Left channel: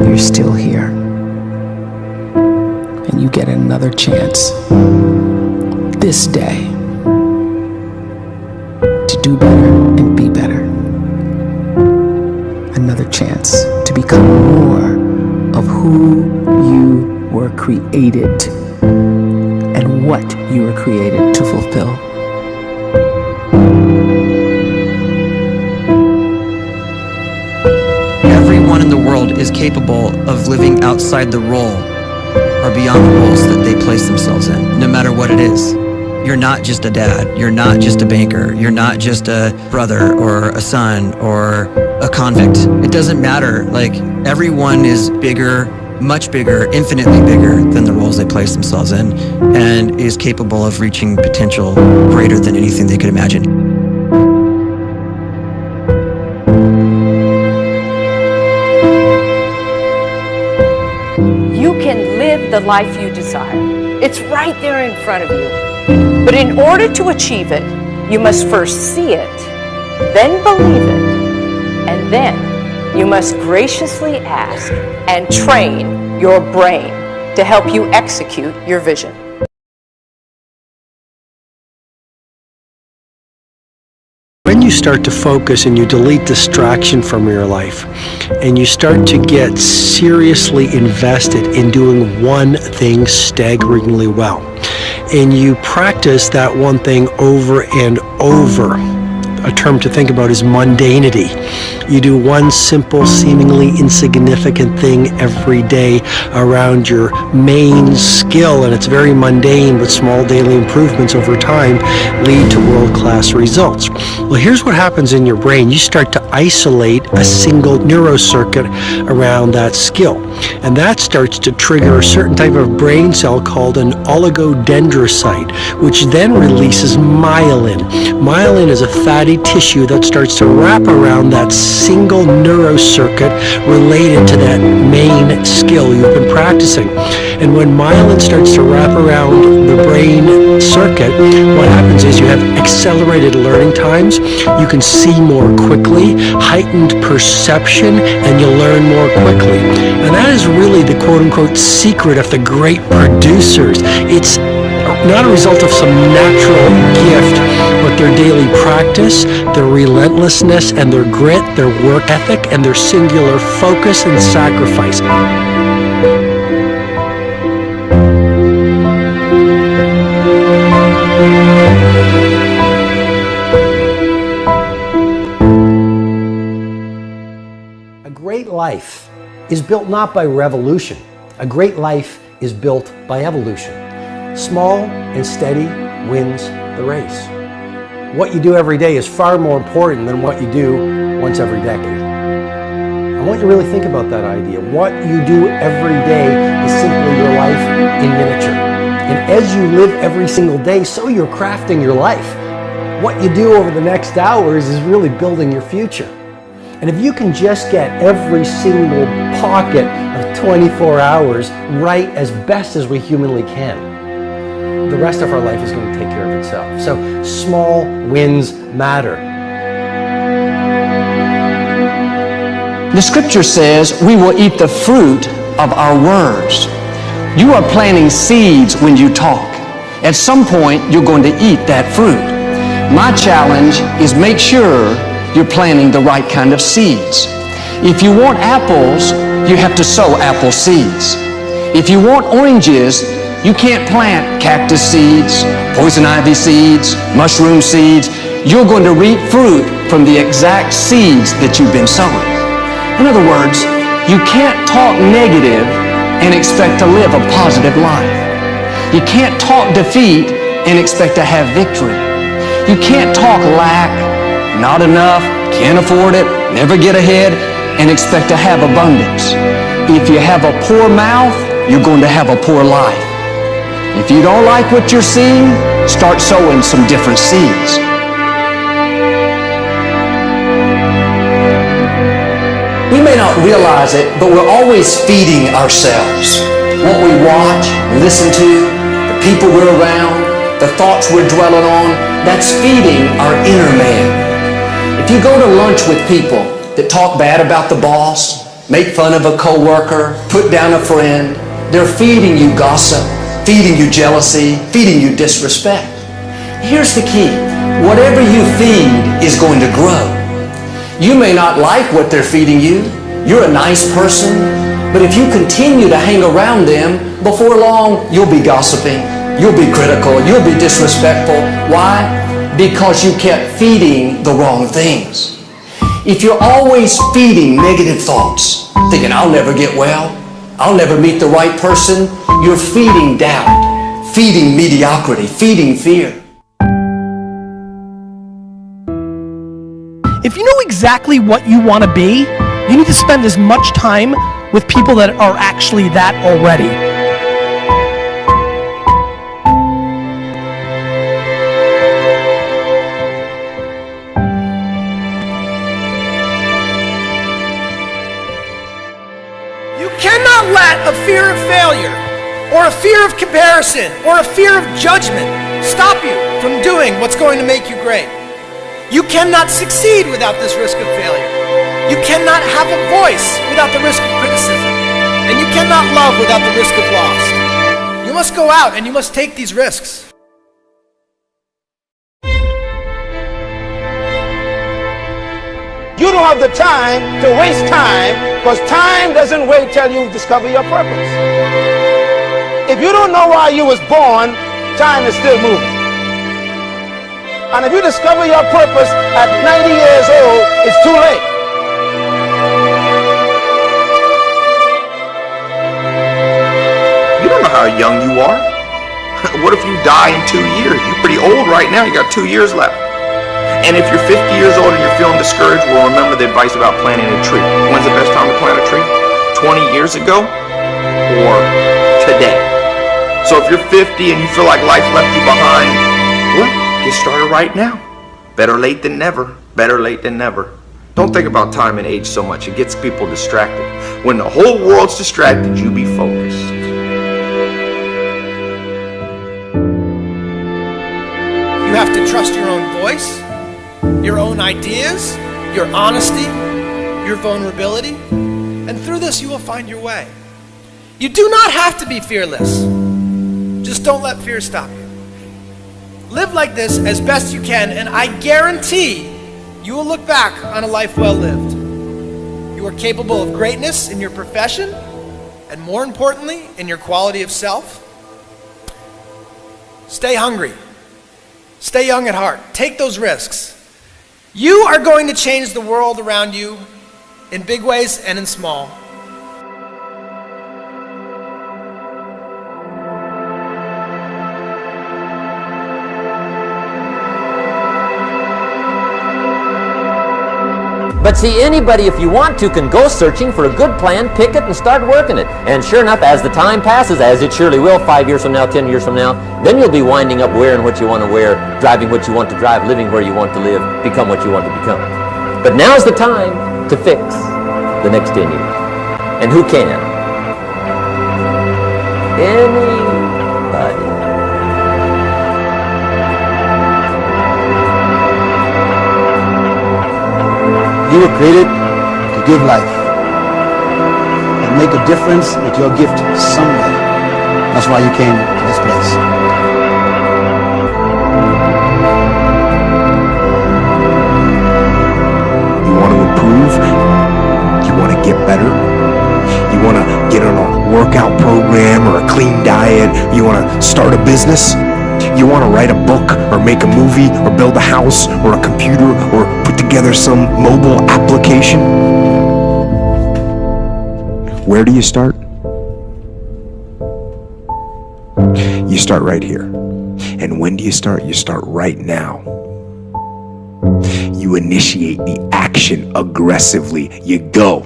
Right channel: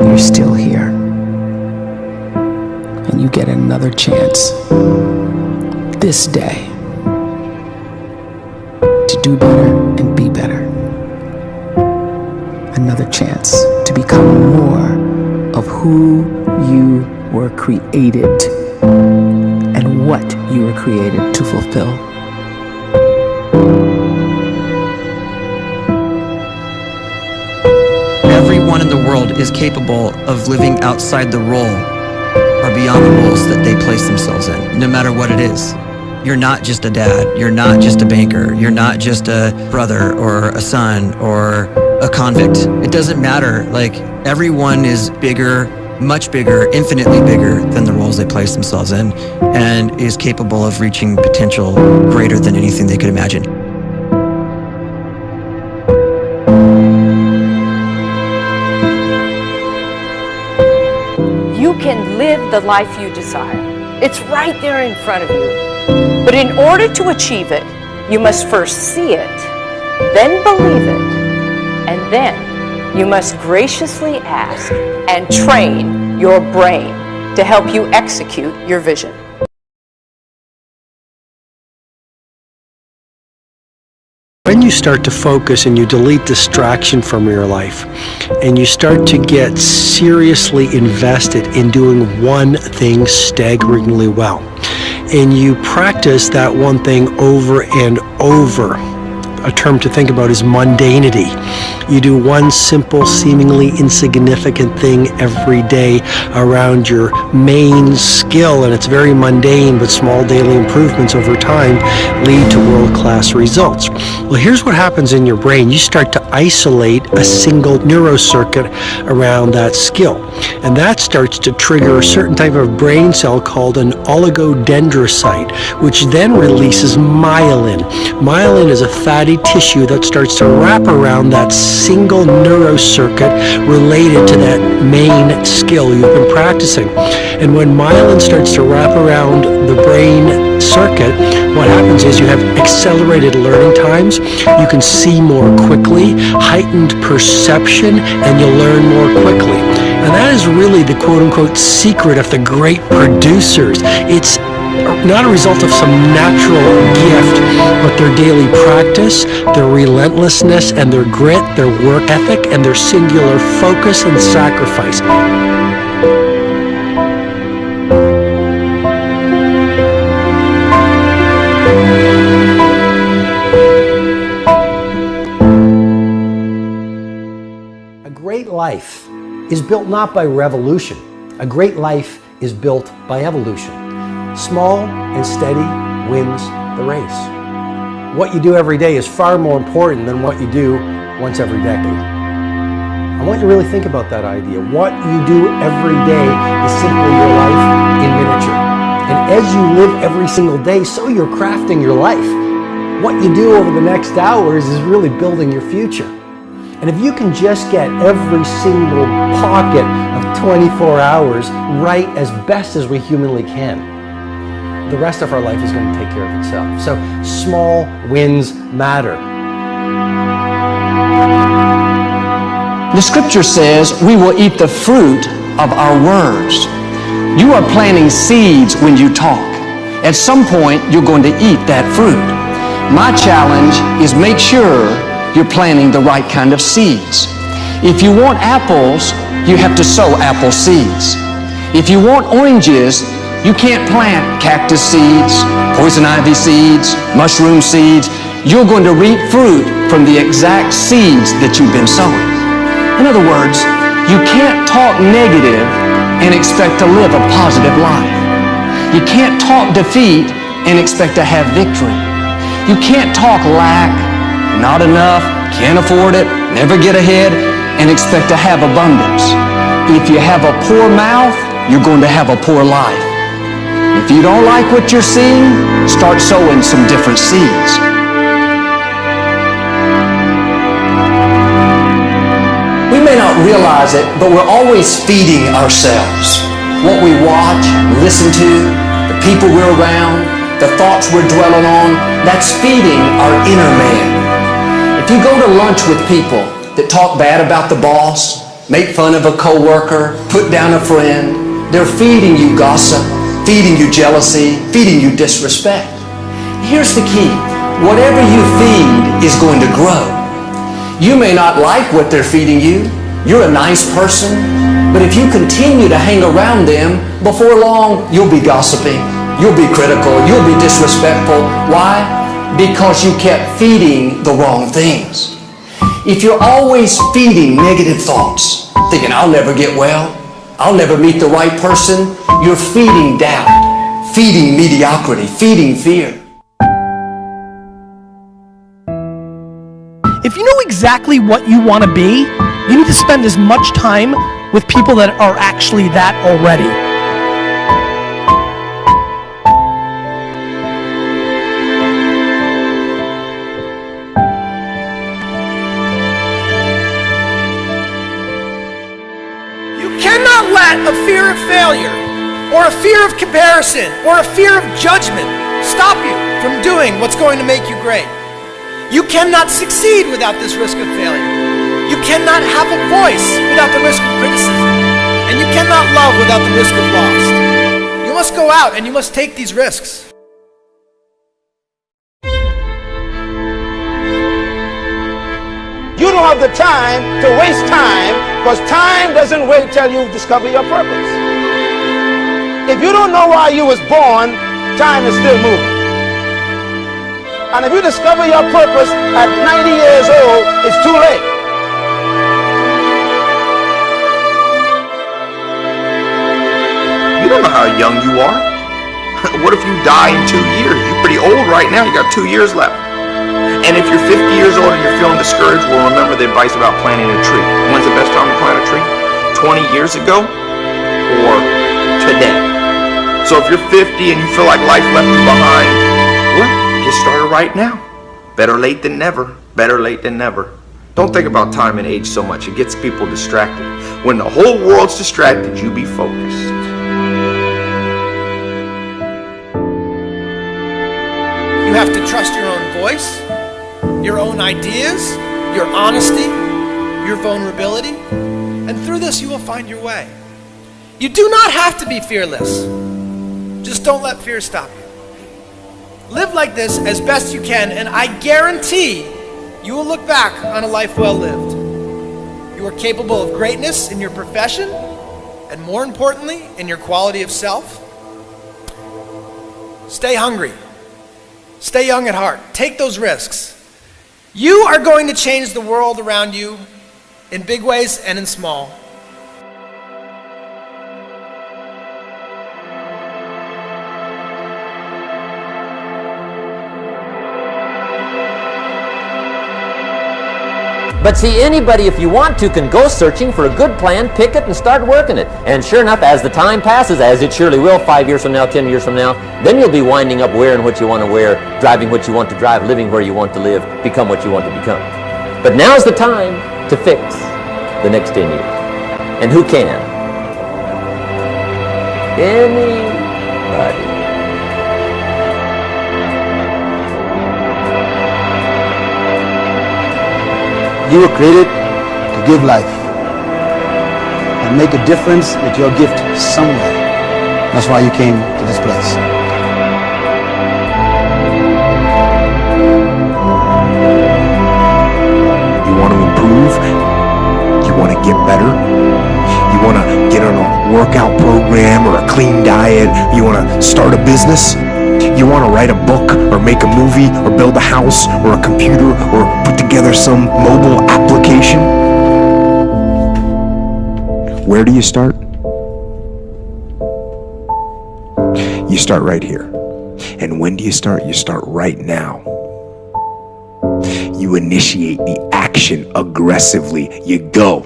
you're still here. And you get another chance this day to do better and be better. Another chance to become more of who you were created and what you were created to fulfill. Everyone in the world is capable of living outside the role or beyond the roles that they place themselves in, no matter what it is. You're not just a dad, you're not just a banker, you're not just a brother or a son or a convict. It doesn't matter. Like, everyone is bigger, much bigger, infinitely bigger than the roles they place themselves in, and is capable of reaching potential greater than anything they could imagine. You can live the life you desire. It's right there in front of you. But in order to achieve it, you must first see it, then believe it, and then you must graciously ask and train your brain to help you execute your vision. When you start to focus and you delete distraction from your life, and you start to get seriously invested in doing one thing staggeringly well, and you practice that one thing over and over, a term to think about is mundanity. You do one simple, seemingly insignificant thing every day around your main skill, and it's very mundane, but small daily improvements over time lead to world-class results. Well, here's what happens in your brain. You start to isolate a single neurocircuit around that skill, and that starts to trigger a certain type of brain cell called an oligodendrocyte, which then releases myelin. Myelin is a fatty tissue that starts to wrap around that single neurocircuit related to that main skill you've been practicing. And when myelin starts to wrap around the brain circuit, what happens is you have accelerated learning times, you can see more quickly, heightened perception, and you learn more quickly. And that is really the quote-unquote secret of the great producers. It's not a result of some natural gift, but their daily practice, their relentlessness and their grit, their work ethic, and their singular focus and sacrifice. A great life is built not by revolution. A great life is built by evolution. Small and steady wins the race. What you do every day is far more important than what you do once every decade. I want you to really think about that idea. What you do every day is simply your life in miniature. And as you live every single day, so you're crafting your life. What you do over the next hours is really building your future. And if you can just get every single pocket of 24 hours right as best as we humanly can, the rest of our life is going to take care of itself. So small wins matter. The scripture says we will eat the fruit of our words. You are planting seeds when you talk. At some point, you're going to eat that fruit. My challenge is make sure you're planting the right kind of seeds. If you want apples, you have to sow apple seeds. If you want oranges, you can't plant cactus seeds, poison ivy seeds, mushroom seeds. You're going to reap fruit from the exact seeds that you've been sowing. In other words, you can't talk negative and expect to live a positive life. You can't talk defeat and expect to have victory. You can't talk lack, not enough, can't afford it, never get ahead, and expect to have abundance. If you have a poor mouth, you're going to have a poor life. If you don't like what you're seeing, start sowing some different seeds. We may not realize it, but we're always feeding ourselves. What we watch, listen to, the people we're around, the thoughts we're dwelling on, that's feeding our inner man. If you go to lunch with people that talk bad about the boss, make fun of a coworker, put down a friend. They're feeding you gossip, feeding you jealousy, feeding you disrespect. Here's the key. Whatever you feed is going to grow. You may not like what they're feeding you. You're a nice person. But if you continue to hang around them, before long, you'll be gossiping. You'll be critical. You'll be disrespectful. Why? Because you kept feeding the wrong things. If you're always feeding negative thoughts, thinking, I'll never get well, I'll never meet the right person, you're feeding doubt, feeding mediocrity, feeding fear. If you know exactly what you want to be, you need to spend as much time with people that are actually that already. You cannot let a fear of failure, or a fear of comparison, or a fear of judgment stop you from doing what's going to make you great. You cannot succeed without this risk of failure. You cannot have a voice without the risk of criticism. And you cannot love without the risk of loss. You must go out and you must take these risks. You don't have the time to waste time, because time doesn't wait till you discover your purpose. If you don't know why you was born, time is still moving. And if you discover your purpose at 90 years old, it's too late. You don't know how young you are. What if you die in 2 years? You're pretty old right now. You got 2 years left. And if you're 50 years old and you're feeling discouraged, well, remember the advice about planting a tree. When's the best time to plant a tree? 20 years ago or today? So if you're 50 and you feel like life left you behind, well, get started right now. Better late than never. Better late than never. Don't think about time and age so much. It gets people distracted. When the whole world's distracted, you be focused. You have to trust your own voice, your own ideas, your honesty, your vulnerability, and through this you will find your way. You do not have to be fearless. Just don't let fear stop you. Live like this as best you can, and I guarantee you will look back on a life well lived. You are capable of greatness in your profession, and more importantly, in your quality of self. Stay hungry. Stay young at heart. Take those risks. You are going to change the world around you in big ways and in small. But see, anybody, if you want to, can go searching for a good plan, pick it, and start working it. And sure enough, as the time passes, as it surely will 5 years from now, 10 years from now, then you'll be winding up wearing what you want to wear, driving what you want to drive, living where you want to live, become what you want to become. But now's the time to fix the next 10 years. And who can? Anybody. You were created to give life and make a difference with your gift somewhere. That's why you came to this place. You want to improve? You want to get better? You want to get on a workout program or a clean diet? You want to start a business? You want to write a book or make a movie or build a house or a computer or put together some mobile application? Where do you start? You start right here. And when do you start? You start right now. You initiate the action aggressively. You go.